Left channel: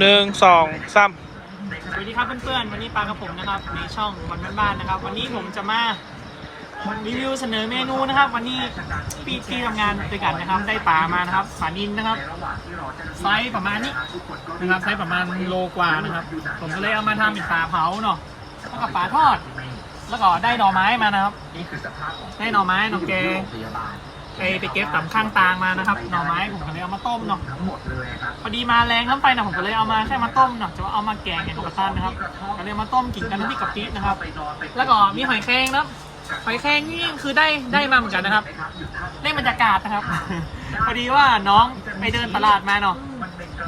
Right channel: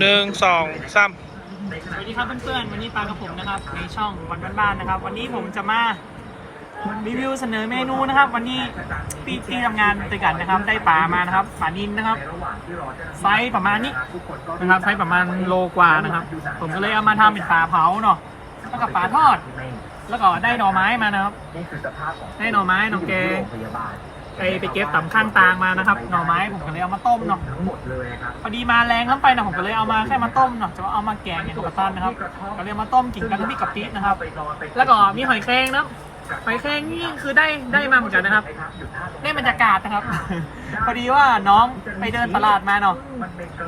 หนึ่งสองสามสวัสดีครับเพื่อนๆ วันนี้ปลากับผมนะครับในช่องวันบ้านๆนะครับ วันนี้ผมจะมารีวิวเสนอเมนูนะครับ วันนี้พี่พี่ทำงานไปกันนะครับ ได้ปลามานะครับปลานินนะครับ ไซส์ประมาณนี้นะครับไซส์ประมาณโลกว่านะครับ ผมก็เลยเอามาทำเป็นปลาเผาเนาะแล้วก็ปลาทอด แล้วก็ได้หน่อไม้มานะครับได้หน่อไม้หน่อแกง ไปไปเก็บตำข้างตางมานะครับหน่อไม้ผมก็เลยเอามาต้มเนาะพอดีมาแรงล้ำไปนะผมก็เลยเอามาแค่มาต้มเนาะจะว่าเอามาแกงอย่างกระตันนะครับก็เลยมาต้มกินกันน้ำพริกกะปินะครับ แล้วก็มีหอยแครงนะครับหอยแครงนี่คือได้ได้มาเหมือนกันนะครับ ได้บรรยากาศนะครับ พอดีว่าน้องไปเดินตลาดมาเนาะ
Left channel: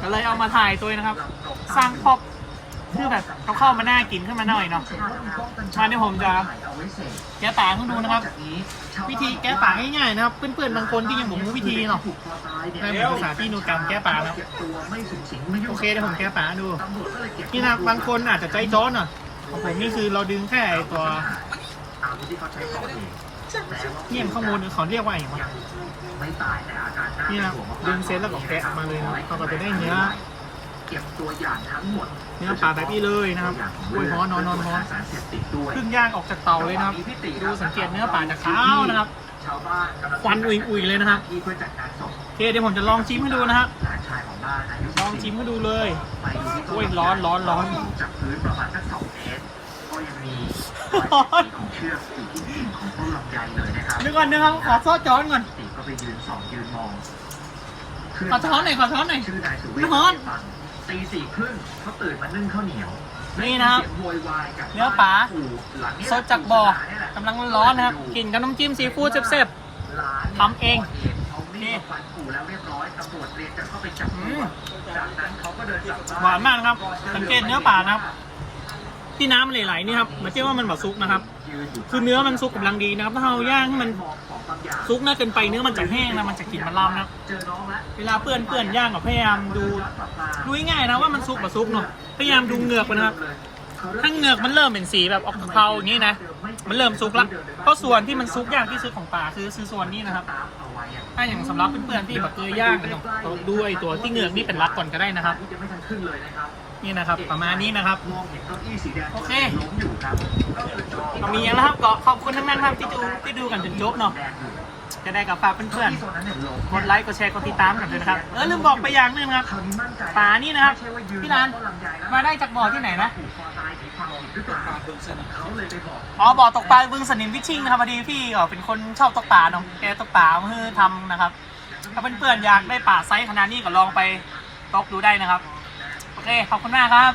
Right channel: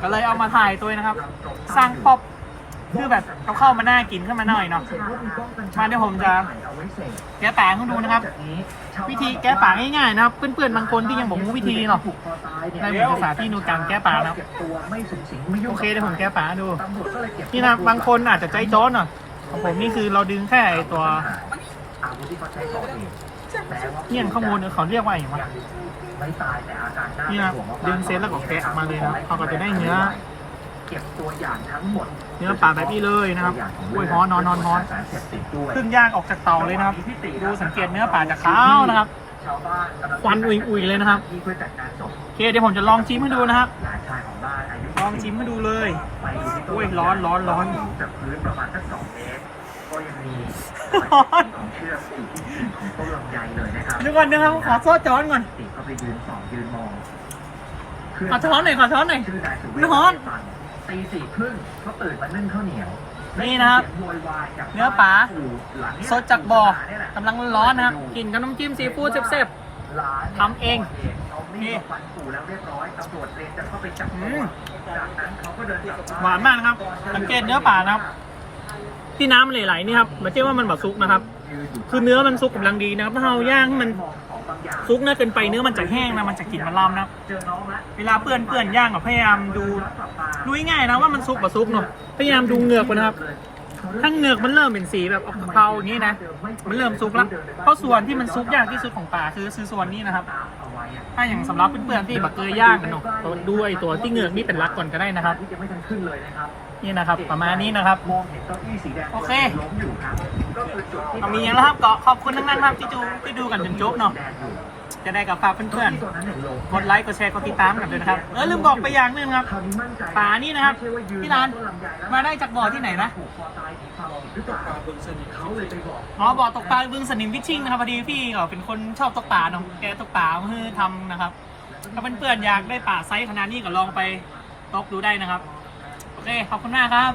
ก็เลยเอามาถ่ายตัวนะครับ สร้างป๊อป คือแบบเขาเข้ามาหน้ากินขึ้นมาหน่อยเนาะมาเดี๋ยวผมจะแกะป่าให้ดูนะครับ วิธีแกะป่าง่ายๆนะครับเพื่อนๆบางคนที่ยังบอกรู้วิธีเนาะได้ผมจะสาธิตนูการแก้ป่านะครับโอเคเดี๋ยวผมแก้ป่าดูนี่นะบางคนอาจจะใจจ้อนหน่อยของผมนี่คือเราดึงแค่ไอ้ตัวเนี่ยข้างบนเขาเรียกว่าอย่างไรนี่นะดึงเซตแล้วก็แกะมาเลยนะเขาก็จะได้เนื้อ เก็บตัวอย่างทั้งหมดเนื้อปลาแบบนี้เลยนะครับโอ้ยฮ้อนนอนนอนนอนสารเสพติดด้วยเพิ่งย่างออกจากเตาเลยนะครับดูสังเกตเนื้อปลาจากขาวนะครับชาวบ้านกำลังควันอุ่ยๆเลยนะครับที่เพื่อจัดการศพโอเคเดี๋ยวผมจะลองชิมให้ดูนะครับหลานชายของบ้านอายุลองชิมให้ดูเลยไปดูที่ต้โอ้ยร้อนร้อนร้อนสูงจากพื้นประมาณสักสองเมตรก็ยังมีร้อนของเชือกอยู่ที่กิ่งของต้นลำไยเลยนะครับเดี๋ยวก่อนนะครับขอโซ่จ้อนก่อนติก็ไปยืนส่องยืนมองขอช้อนหน่อยขอช้อนหน่อยชื่อนายสุเวร้อน ตีสี่ครึ่งเขาตื่นมานึ่งข้าวเหนียวนี่นะครับ เสียงโวยวายจากเนื้อปลาหลังนี้สดจากบ่อกำลังร้อนๆนะครับกินกับน้ำจิ้มซีฟู้ดเซฟหลานทำเองเอามีดมาฟันปู่แล้วเรียบร้อยตำรวจเรียนจะเข้าไปจับอืตัวมจากนั้นเขาก็เดินกลับๆหวานมากนะครับสังเกตเนื้อปลานะครับที่น้ำมันไหลๆนี่ครับไม่ใช่ว่ามันแบบซุกนะครับคือเนื้อมันซุกกำลังดีนะครับ ถ้าเราย่างให้มัน ซุกน่าเกินไปเนื้อมันจะแห้งนะมันจะกลิ่นมันลำนะเจอน้องละเวลาเปื่อนเปื่อนย่างก็พยายามดูดูง่ายนะว่ามันซุกแบบซุกเนาะพยายามดูเหงือกมันนะครับ ถ้าเหงือกมันเริ่มเป็นสีแบบออกเทาอย่างนี้นะ มันเริ่มซุกแล้วเพราะส่วนที่มันซุกยากที่สุดของปลาคือคือส่วนนี้นะครับ ถ้าอย่างสำหรับเพื่อนๆที่แบบเคยย่างกันตัวด้วยตัวที่เงือกนี่เป็นรักก่อนก็ได้นะครับที่จะไม่ทันขึ้นเลยนะครับนี่นะครับ ประมาณนี้นะครับมองเห็นเก้าอี้สีแดงโอเคล้มอยู่ครับก็คือจุดที่มีอย่างแล้วครับก็ขอบคุณทั้งนั้นครับที่ดูที่ดูกันจนจบเนาะ จะได้กับฝากเพื่อนโซนนั้นเนี่ยล้มๆกดไลค์กดแชร์กดติดตามกันด้วยนะครับ เออลืมบอกไปอย่างหนึงนะครับคราวนี้มั่นใจป่านี่นะครับไม่ใช่ว่ายืพี่ร้านต้ลำไยแล้วมาได้จากบ่อที่ไหนนะผูกคอตายสีเทาหรือเปล่าเขาเลยไปบอกอ๋อบ่อตกปลาบึงสนิมวิชชิ่งนะครับพอดีพี่ก็เป็นคนชอบตกปลาเนาะแกตกปลาเพื่อทำนะครับ ถ้าเพื่อนๆอยากได้ปลาไซส์ขนาดนี้ก็ลองไปตกดูได้นะครับ โอเคขอบคุณมากครับ